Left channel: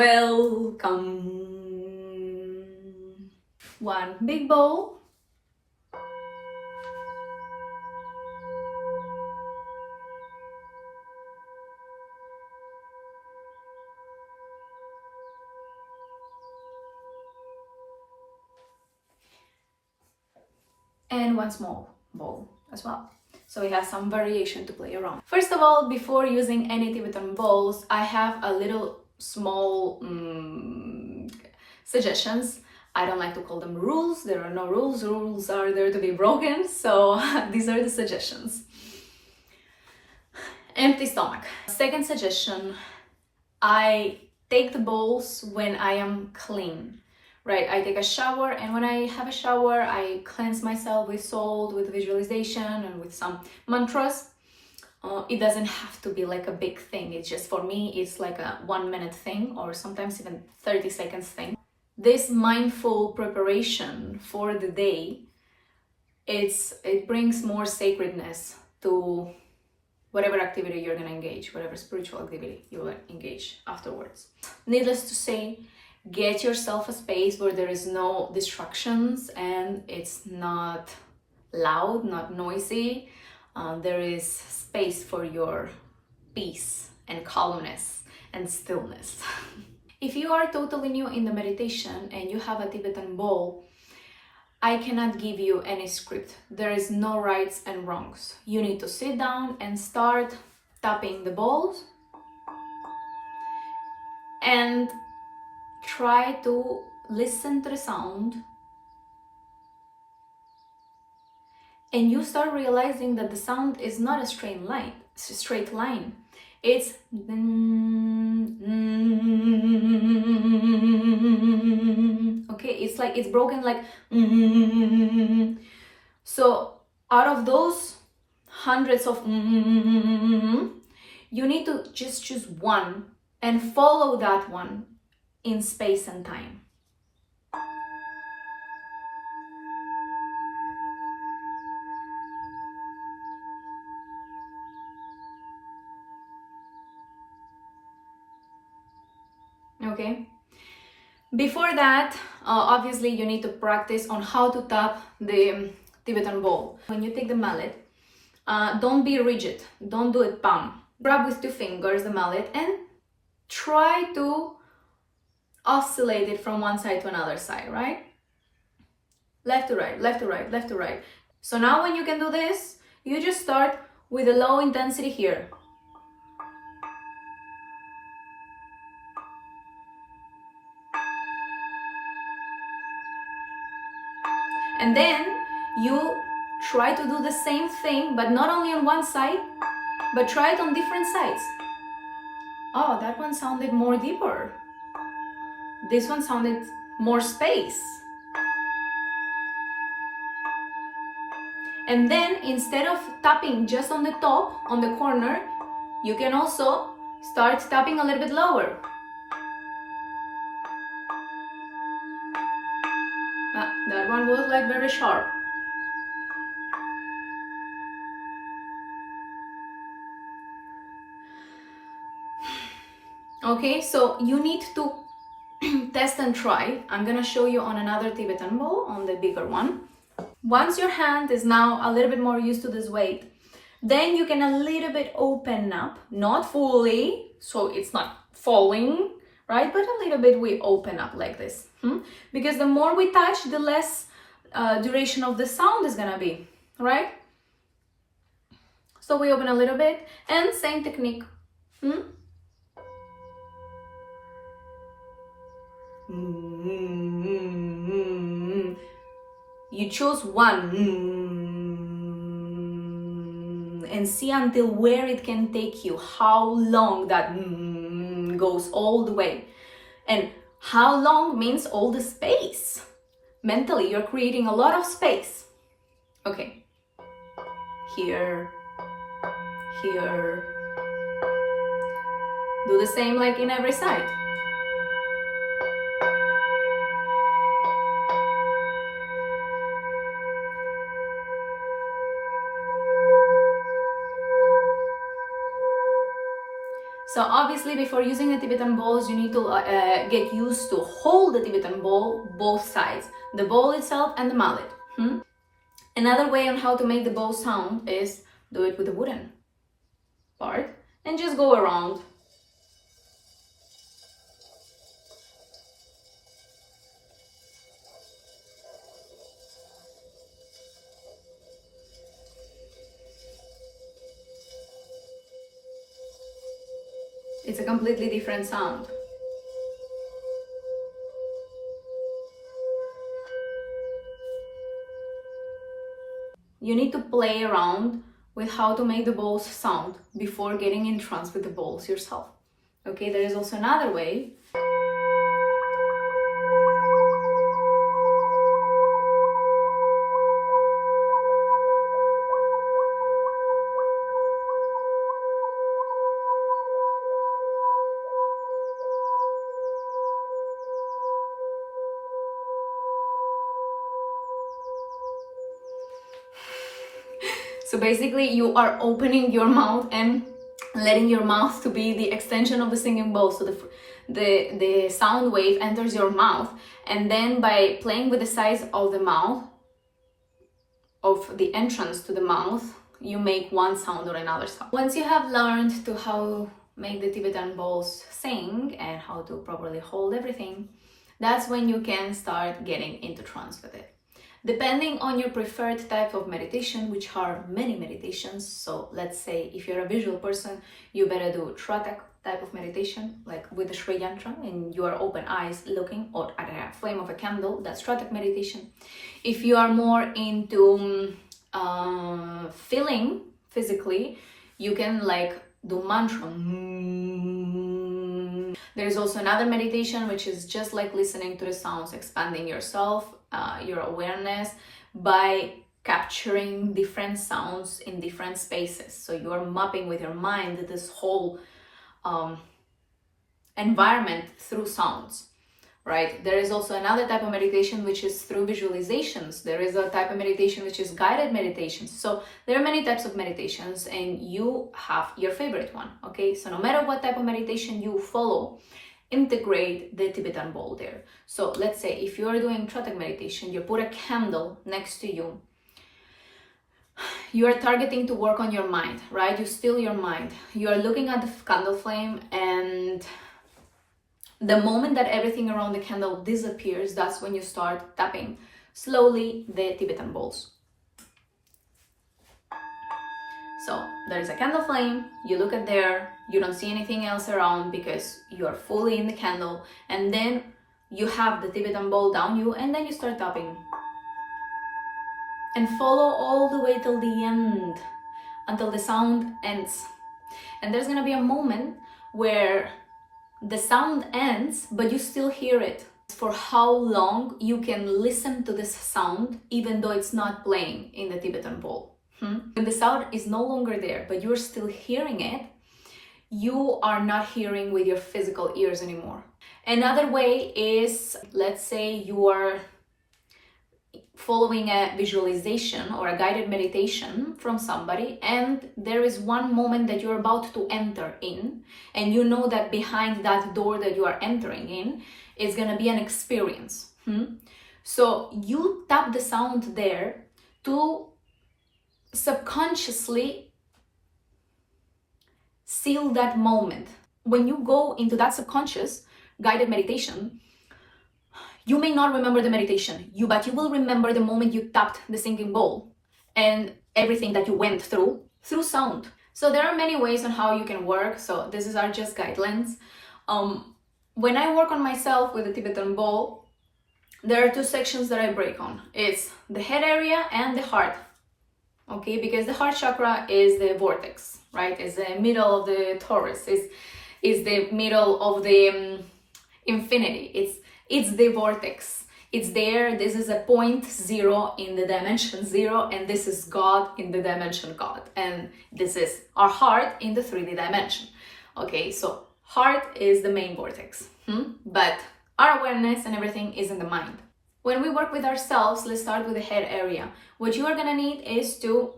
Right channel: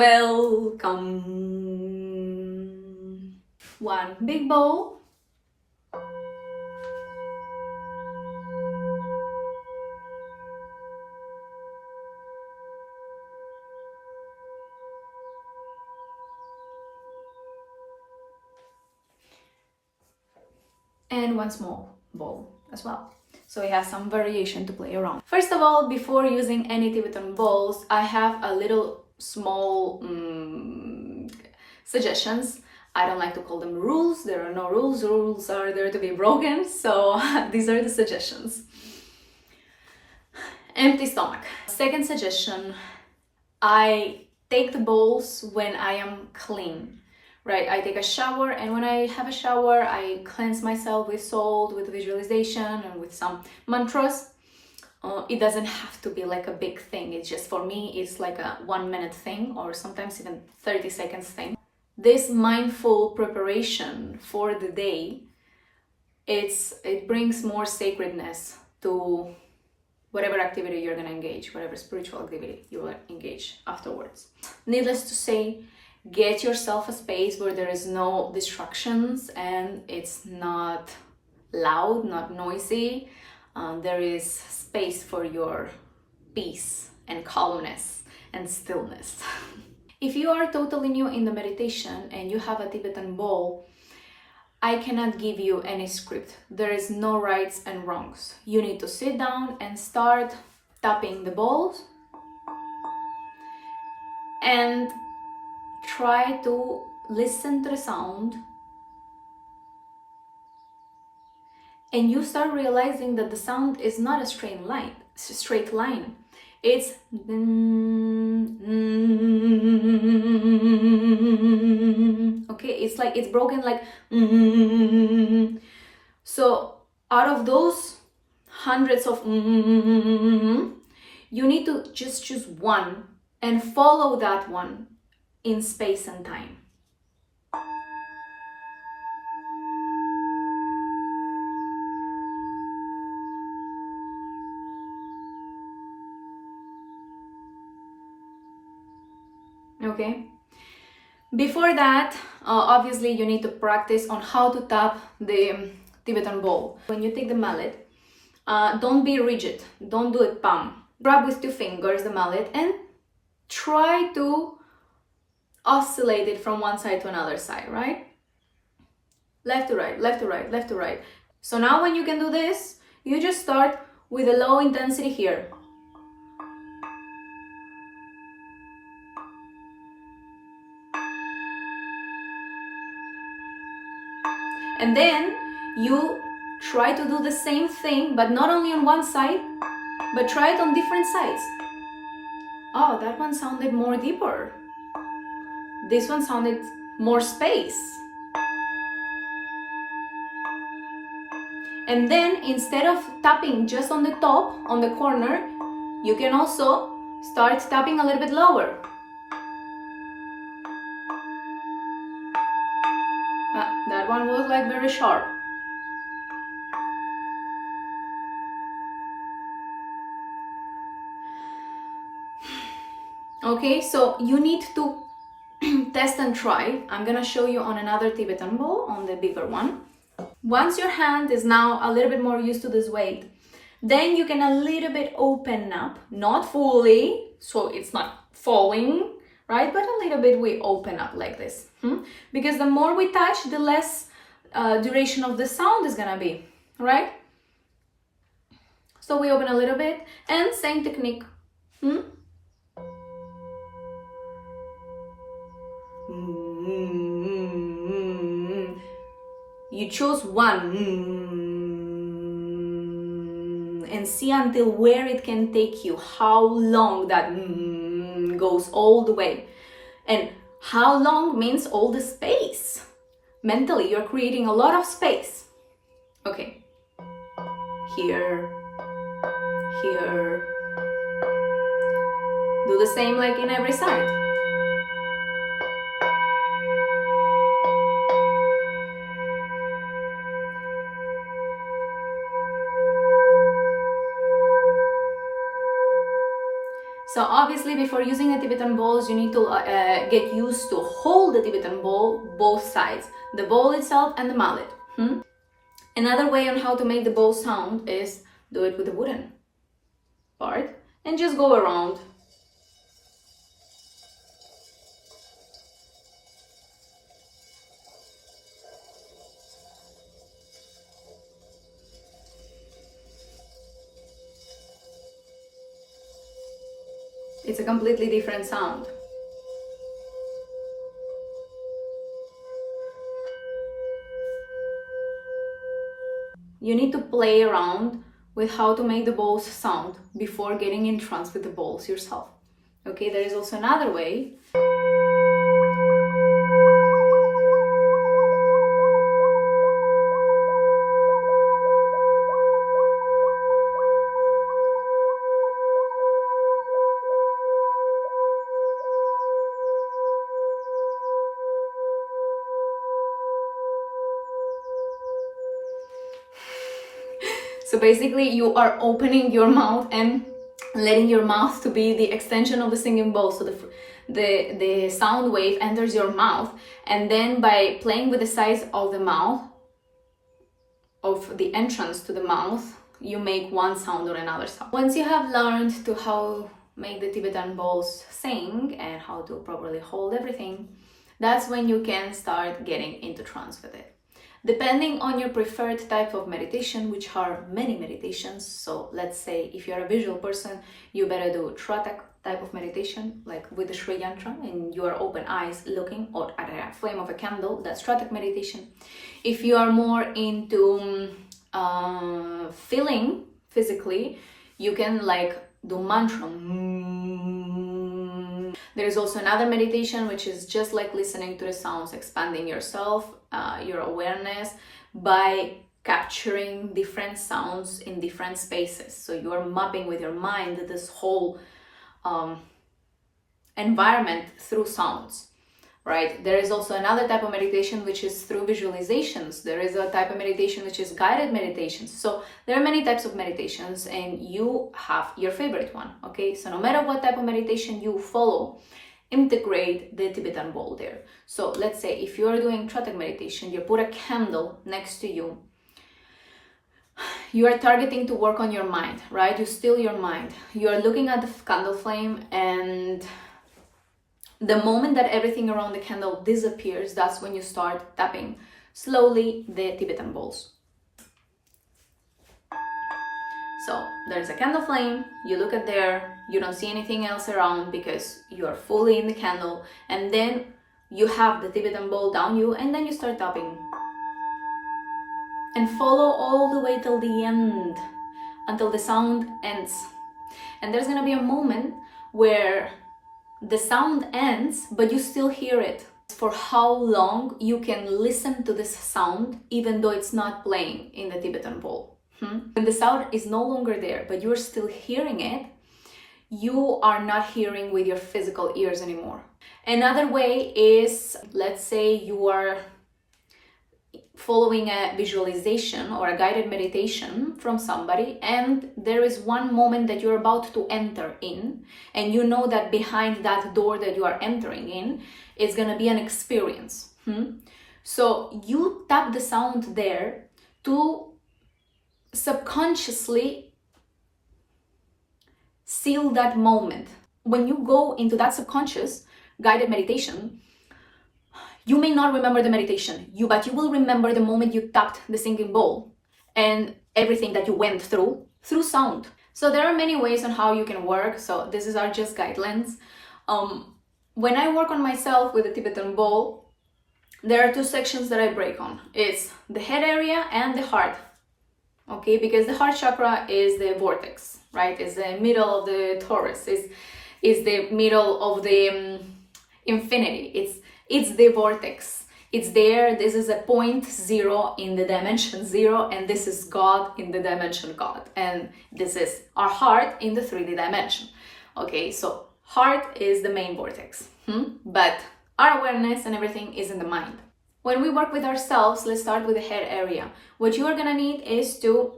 Welcome. One big bowl. And one small bowl as well. So we have some variation to play around. First of all, before using any Tibetan bowls, I have a little small suggestions. I don't like to call them rules. There are no rules. Rules are there to be broken. So these are the suggestions. Empty stomach. Second suggestion, I take the bowls when I am clean. Right, I take a shower, and when I have a shower, I cleanse myself with salt, with visualization, and with some mantras. It doesn't have to be like a big thing. It's just, for me, it's like a 1 minute thing, or sometimes even 30 seconds thing. This mindful preparation for the day, it brings more sacredness to whatever activity you're gonna engage, whatever spiritual activity you will engage afterwards. Needless to say, get yourself a space where there is no distractions and it's not loud, not noisy. There is space for your peace and calmness and stillness. If you are totally new in the meditation and you have a Tibetan bowl, I cannot give you any script. There is no rights and wrongs. You need to sit down and start tapping the bowls and try to listen to the sound, and you start realizing that the sound is not a straight line. It's okay, it's like it's broken, like so out of those hundreds of you need to just choose one and follow that one in space and time. Okay? Before that, obviously you need to practice on how to tap the Tibetan bowl. When you take the mallet, don't be rigid. Don't do it palm. Grab with 2 fingers the mallet and try to oscillate it from one side to another side, right? Left to right, left to right, left to right. So now when you can do this, you just start with a low intensity here. And then you try to do the same thing, but not only on one side, but try it on different sides. Oh, that one sounded more deeper. This one sounded more space. And then instead of tapping just on the top, on the corner, you can also start tapping a little bit lower. That one was like very sharp. Okay, so you need to test and try. I'm gonna show you on another Tibetan bowl, on the bigger one. Once your hand is now a little bit more used to this weight, then you can a little bit open up, not fully, so it's not falling, right? But a little bit we open up like this. Because the more we touch, the less duration of the sound is gonna be, right? So we open a little bit, and same technique. You choose one and see until where it can take you, how long that goes all the way. And how long means all the space. Mentally, you're creating a lot of space. Okay. Here, here. Do the same like in every side. So obviously before using the Tibetan bowls, you need to get used to hold the Tibetan bowl both sides, the bowl itself and the mallet. Another way on how to make the bowl sound is do it with the wooden part and just go around. It's a completely different sound. You need to play around with how to make the bowls sound before getting in trance with the bowls yourself. Okay, there is also another way. So basically you are opening your mouth and letting your mouth to be the extension of the singing bowl. So the sound wave enters your mouth, and then by playing with the size of the mouth, of the entrance to the mouth, you make one sound or another sound. Once you have learned to how make the Tibetan bowls sing and how to properly hold everything, that's when you can start getting into trance with it. Depending on your preferred type of meditation, which are many meditations, so let's say if you're a visual person, you better do Tratak type of meditation, like with the Shri Yantra, and you are open eyes looking or at a flame of a candle, that's Tratak meditation. If you are more into feeling physically, you can like do mantra. There is also another meditation which is just like listening to the sounds, expanding yourself, your awareness by capturing different sounds in different spaces. So you are mapping with your mind this whole environment through sounds, right? There is also another type of meditation which is through visualizations. There is a type of meditation which is guided meditations. So there are many types of meditations and you have your favorite one, okay? So no matter what type of meditation you follow, integrate the Tibetan bowl there. So let's say if you are doing Tratak meditation, you put a candle next to you. You are targeting to work on your mind, right? You still your mind. You are looking at the candle flame, and the moment that everything around the candle disappears, that's when you start tapping slowly the Tibetan bowls. So there's a candle flame, you look at there, you don't see anything else around because you are fully in the candle, and then you have the Tibetan bowl down you, and then you start tapping. And follow all the way till the end, until the sound ends. And there's gonna be a moment where the sound ends, but you still hear it. For how long you can listen to this sound, even though it's not playing in the Tibetan bowl. When the sound is no longer there, but you're still hearing it, you are not hearing with your physical ears anymore. Another way is, let's say you are following a visualization or a guided meditation from somebody, and there is one moment that you're about to enter in, and you know that behind that door that you are entering in is gonna be an experience. So you tap the sound there to subconsciously seal that moment. When you go into that subconscious guided meditation, you may not remember the meditation, but you will remember the moment you tapped the singing bowl and everything that you went through sound. So there are many ways on how you can work. So these are just guidelines. When I work on myself with the Tibetan bowl, there are two sections that I break on. It's the head area and the heart. Okay, because the heart chakra is the vortex, right? It's the middle of the torus. Is the middle of the infinity. It's the vortex. It's there. This is a point zero in the dimension zero, and this is God in the dimension God, and this is our heart in the 3D dimension. Okay, so heart is the main vortex, but our awareness and everything is in the mind. When we work with ourselves, let's start with the head area. What you are gonna need is to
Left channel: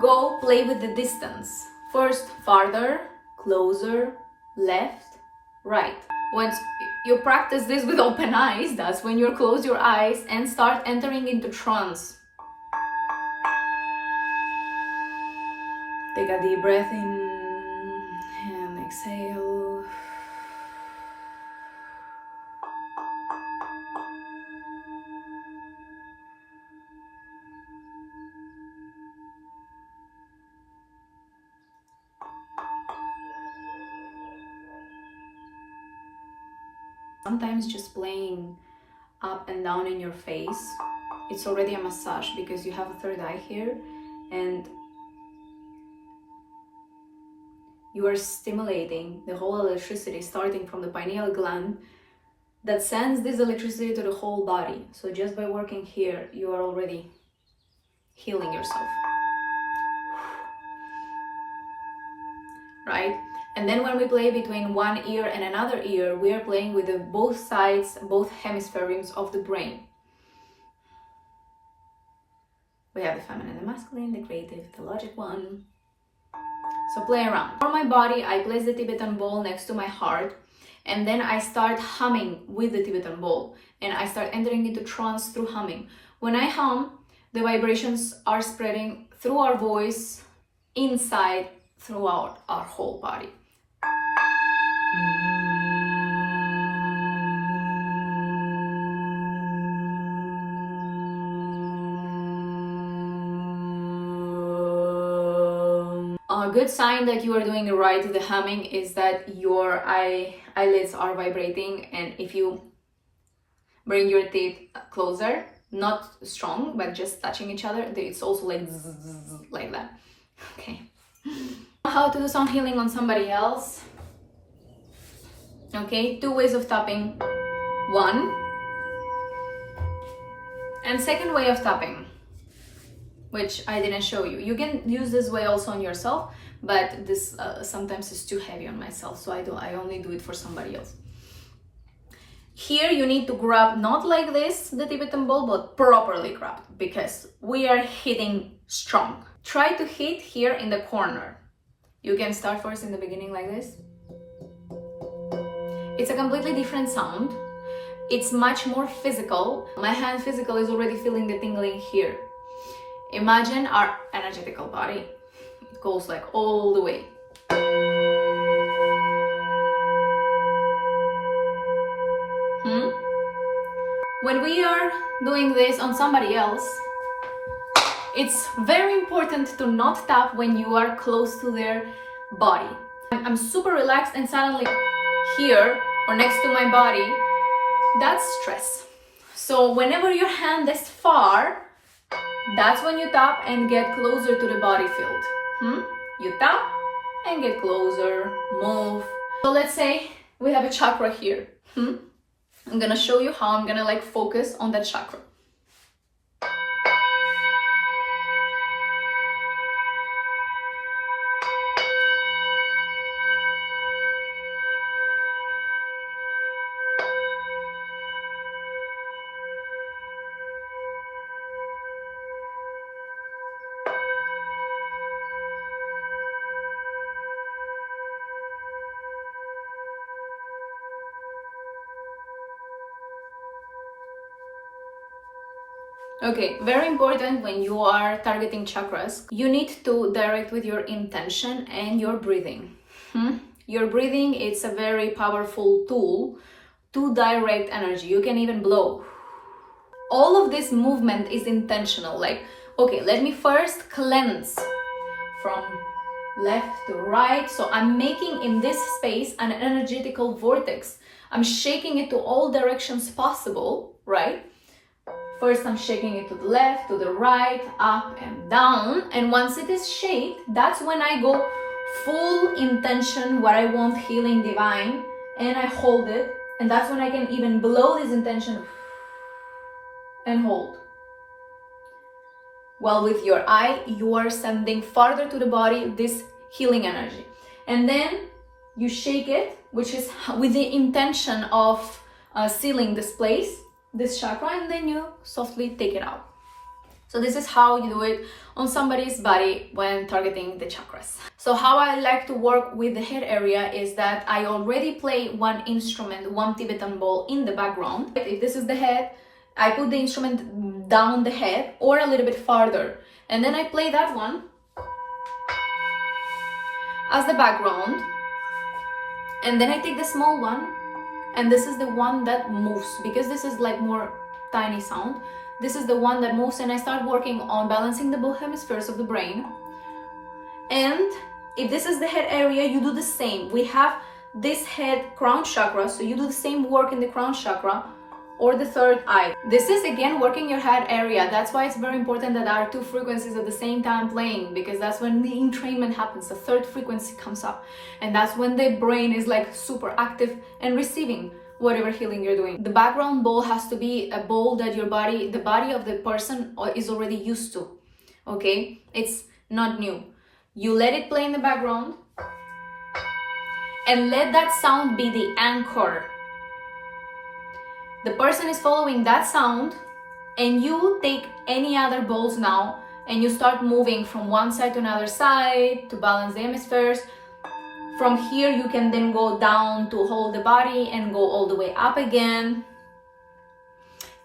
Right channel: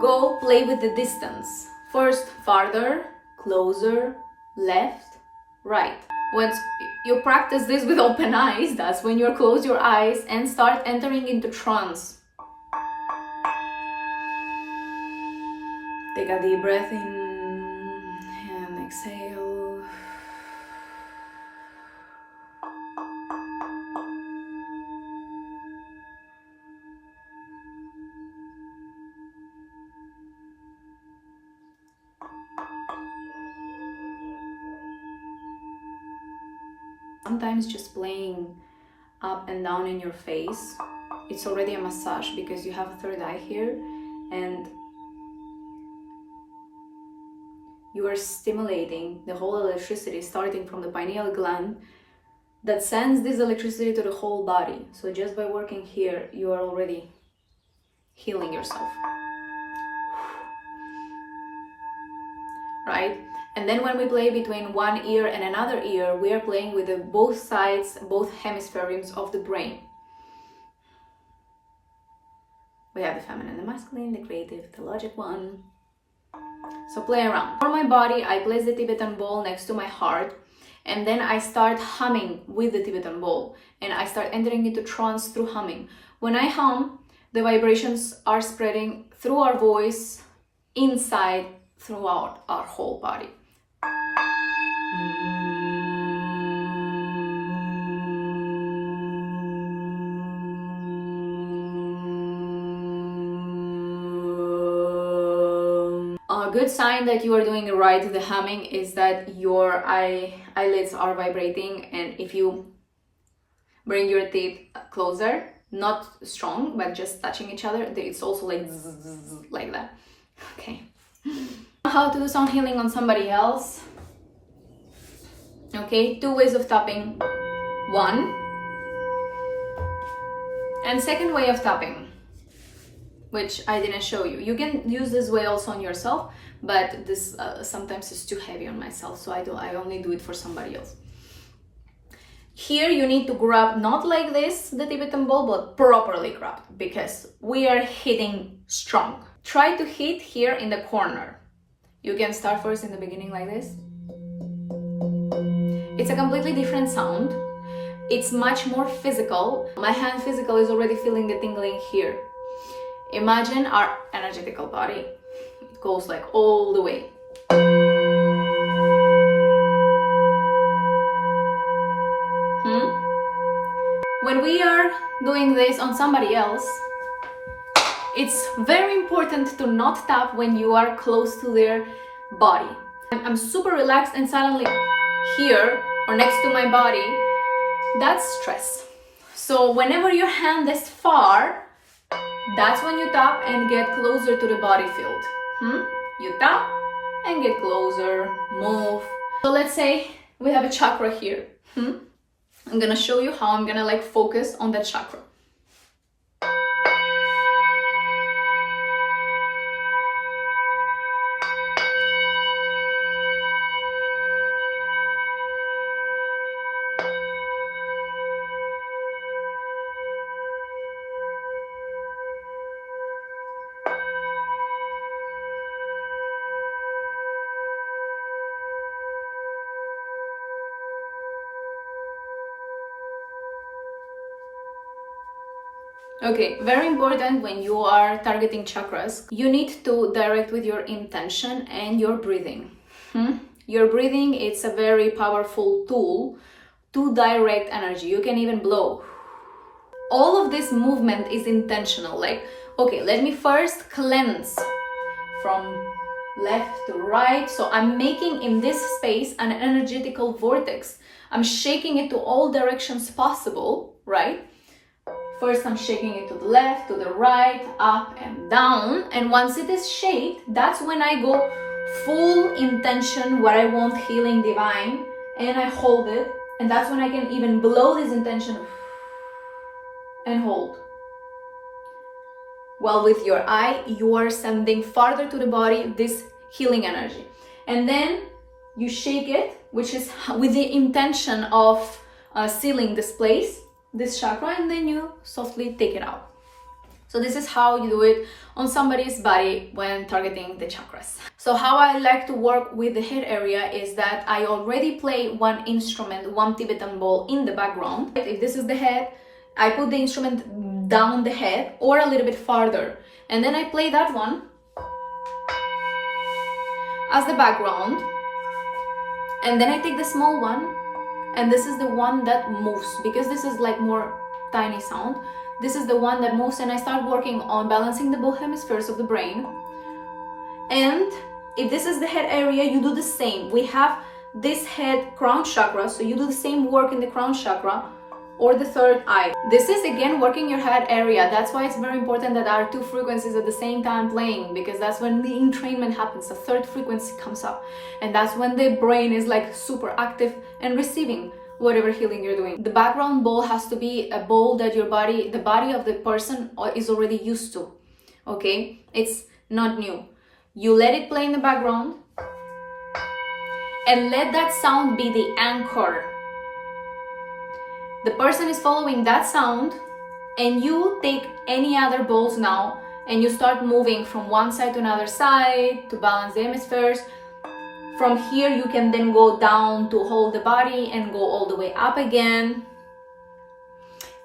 go play with the distance. First farther, closer, left, right. Once you practice this with open eyes, that's when you close your eyes and start entering into trance. Take a deep breath in and exhale. Sometimes just playing up and down in your face, it's already a massage because you have a third eye here and you are stimulating the whole electricity starting from the pineal gland that sends this electricity to the whole body. So just by working here, you are already healing yourself. Right? And then when we play between one ear and another ear, we are playing with both sides, both hemispheres of the brain. We have the feminine, the masculine, the creative, the logic one. So play around. For my body, I place the Tibetan bowl next to my heart, and then I start humming with the Tibetan bowl, and I start entering into trance through humming. When I hum, the vibrations are spreading through our voice, inside, throughout our whole body. A good sign that you are doing it right, the humming, is that your eyelids are vibrating, and if you bring your teeth closer, not strong, but just touching each other, it's also like zzz, like that. Okay. How to do sound healing on somebody else. Okay, 2 ways of tapping. 1. And second way of tapping, which I didn't show you. You can use this way also on yourself, but this sometimes is too heavy on myself, so I only do it for somebody else. Here you need to grab, not like this, the Tibetan bowl, but properly grabbed, because we are hitting strong. Try to hit here in the corner. You can start first in the beginning like this. It's a completely different sound. It's much more physical. My hand physical is already feeling the tingling here. Imagine our energetical body. It goes like all the way. When we are doing this on somebody else, it's very important to not tap when you are close to their body. I'm super relaxed and suddenly here or next to my body, that's stress. So whenever your hand is far, that's when you tap and get closer to the body field. You tap and get closer, move. So let's say we have a chakra here. I'm gonna show you how I'm gonna focus on that chakra. Okay, very important when you are targeting chakras, you need to direct with your intention and your breathing. Your breathing, it's a very powerful tool to direct energy. You can even blow. All of this movement is intentional. Okay, let me first cleanse from left to right. So I'm making in this space an energetical vortex. I'm shaking it to all directions possible, right? First, I'm shaking it to the left, to the right, up and down. And once it is shaped, that's when I go full intention where I want healing divine, and I hold it. And that's when I can even blow this intention and hold. While with your eye, you are sending farther to the body this healing energy. And then you shake it, which is with the intention of sealing this place, this chakra, and then you softly take it out. So this is how you do it on somebody's body when targeting the chakras. So how I like to work with the head area is that I already play one instrument, one Tibetan bowl in the background. If this is the head, I put the instrument down the head or a little bit farther. And then I play that one as the background. And then I take the small one, and this is the one that moves, because this is like more tiny sound. This is the one that moves, and I start working on balancing the both hemispheres of the brain. And if this is the head area, you do the same. We have this head crown chakra, so you do the same work in the crown chakra or the third eye. This is again working your head area. That's why it's very important that there are two frequencies at the same time playing, because that's when the entrainment happens. The third frequency comes up, and that's when the brain is like super active and receiving whatever healing you're doing. The background bowl has to be a bowl that your body, the body of the person is already used to, okay? It's not new. You let it play in the background and let that sound be the anchor. The person is following that sound, and you take any other bowls now and you start moving from one side to another side to balance the hemispheres. From here, you can then go down to hold the body and go all the way up again.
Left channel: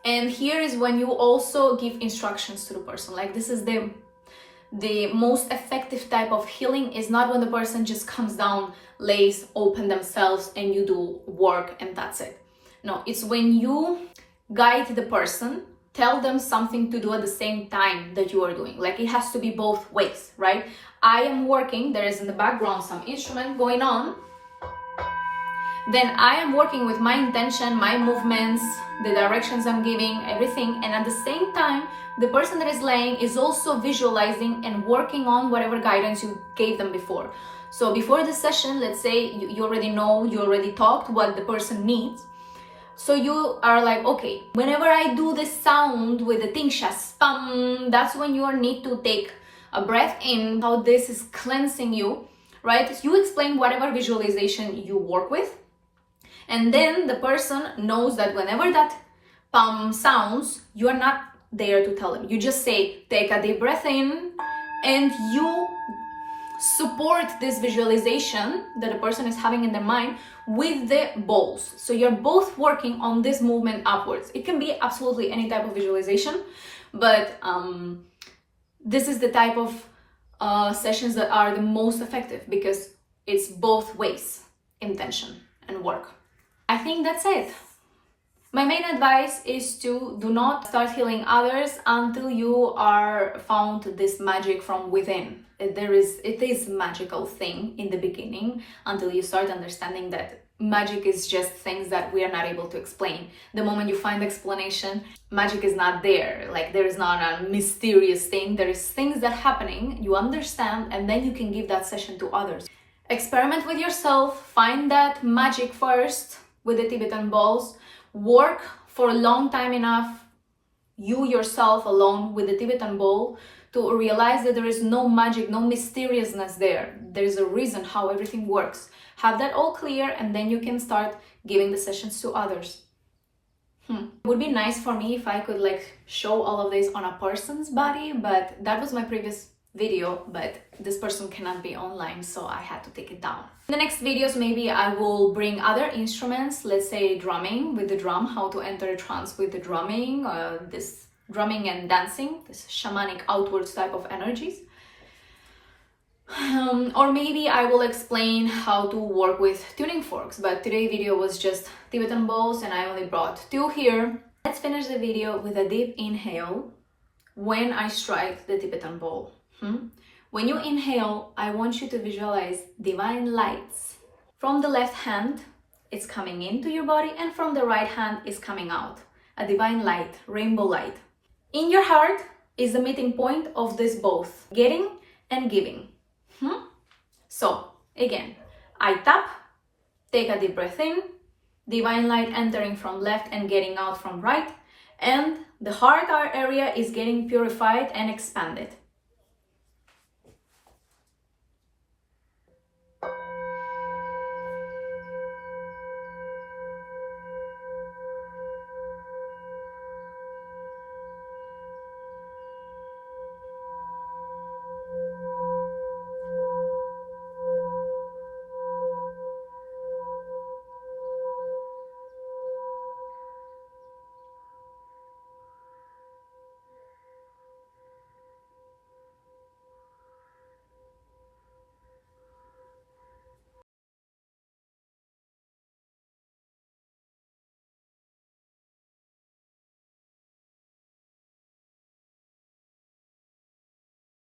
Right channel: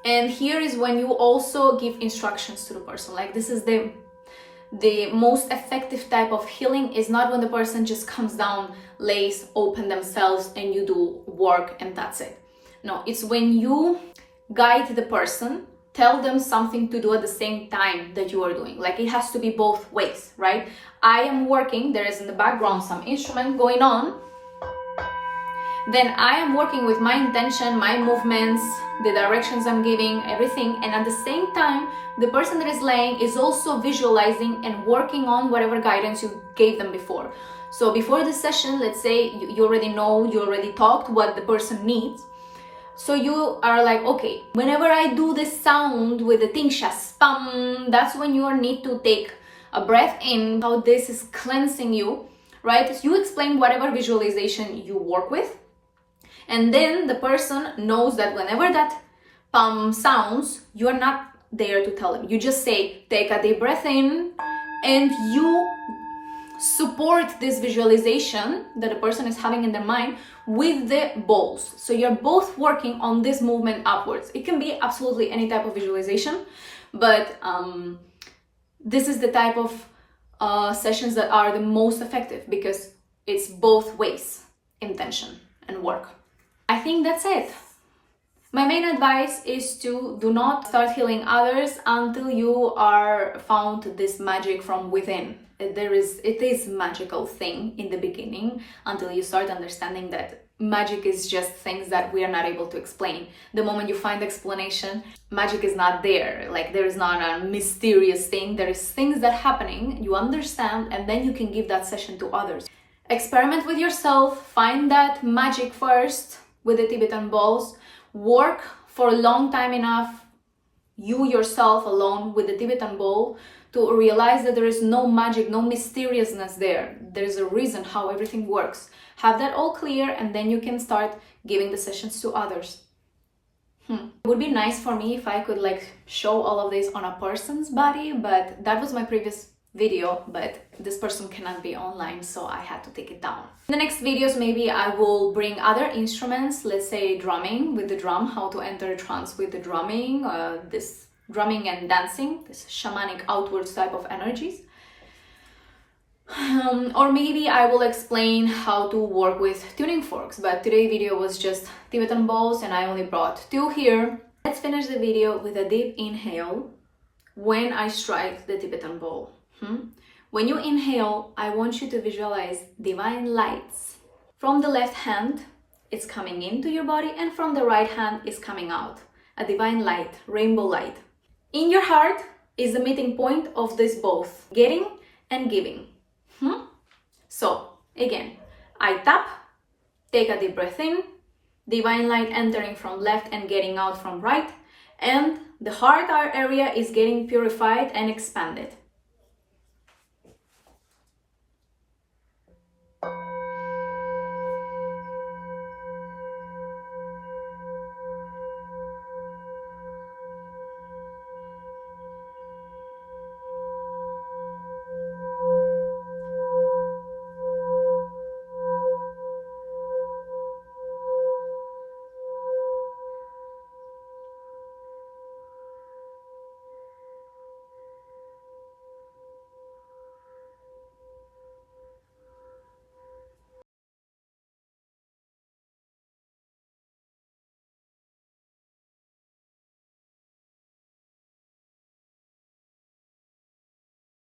And here is when you also give instructions to the person. Like, this is the most effective type of healing is not when the person just comes down, lays open themselves, and you do work and that's it. No, it's when you guide the person, tell them something to do at the same time that you are doing. Like, it has to be both ways, right? I am working, there is in the background some instrument going on. Then I am working with my intention, my movements, the directions I'm giving, everything. And at the same time, the person that is laying is also visualizing and working on whatever guidance you gave them before. So before the session, let's say you already know, you already talked what the person needs. So you are like, okay, whenever I do this sound with the tingsha, spam, that's when you need to take a breath in, how this is cleansing you, right? So you explain whatever visualization you work with. And then the person knows that whenever that pam sounds, you're not there to tell them. You just say, take a deep breath in, and you support this visualization that the person is having in their mind with the bowls. So you're both working on this movement upwards. It can be absolutely any type of visualization, but this is the type of sessions that are the most effective because it's both ways, intention and work. I think that's it. My main advice is to do not start healing others until you are found this magic from within. It is a magical thing in the beginning until you start understanding that magic is just things that we are not able to explain. The moment you find explanation, magic is not there. Like, there is not a mysterious thing. There is things that happening, you understand, and then you can give that session to others. Experiment with yourself, find that magic first with the Tibetan Bowls, work for a long time enough, you yourself alone with the Tibetan Bowl, to realize that there is no magic, no mysteriousness there. There's a reason how everything works. Have that all clear, and then you can start giving the sessions to others. It would be nice for me if I could show all of this on a person's body, but that was my previous video, but this person cannot be online, so I had to take it down. In the next videos, maybe I will bring other instruments, let's say drumming with the drum, how to enter a trance with the drumming, this drumming and dancing, this shamanic outwards type of energies. Or maybe I will explain how to work with tuning forks, but today's video was just Tibetan Bowls and I only brought 2 here. Let's finish the video with a deep inhale when I strike the Tibetan Bowl. When you inhale, I want you to visualize divine lights. From the left hand, it's coming into your body, and from the right hand is coming out. A divine light, rainbow light. In your heart is the meeting point of this both, getting and giving. So, again, I tap, take a deep breath in, divine light entering from left and getting out from right, and the heart area is getting purified and expanded.